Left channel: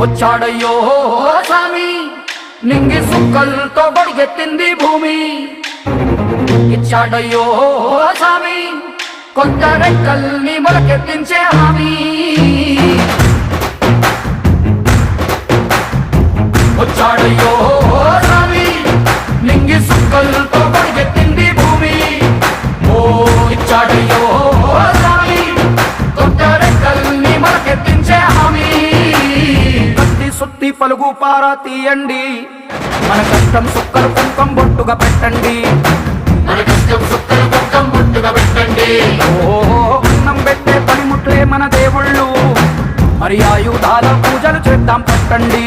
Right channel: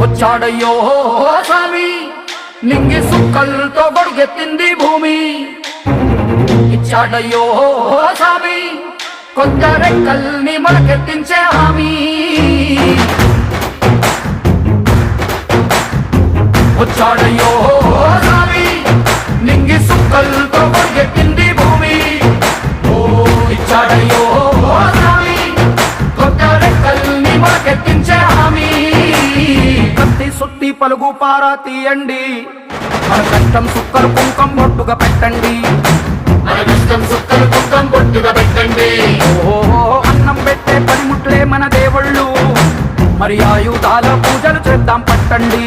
వచ్చాడయ్యో స్వామి నింగి సుక్కలతో గొడుగెత్తింది భూమి ఇచ్చాడయ్యో స్వామి కొత్త రెక్కల్ని మొలకెత్తించే హామీ వచ్చాడయ్యో స్వామి నింగి సుక్కలతో గొడుగెత్తింది భూమి ఓ ఇచ్చాడయ్యో స్వామి కొత్త రెక్కల్ని మొలకెత్తించే పలుగు పారా తీయండి. మన కష్టం సుక్కలు కుంకం బొట్టుగా పెట్టండి. మన కష్టం సుక్కలు కుంకం బొట్టుగా పెట్టండి. ఓ అన్నం పెట్టే పనిముట్లే మన దేవుళ్ళు. మరి ఆయుధాల పూజలు చేద్దాం పట్టండి.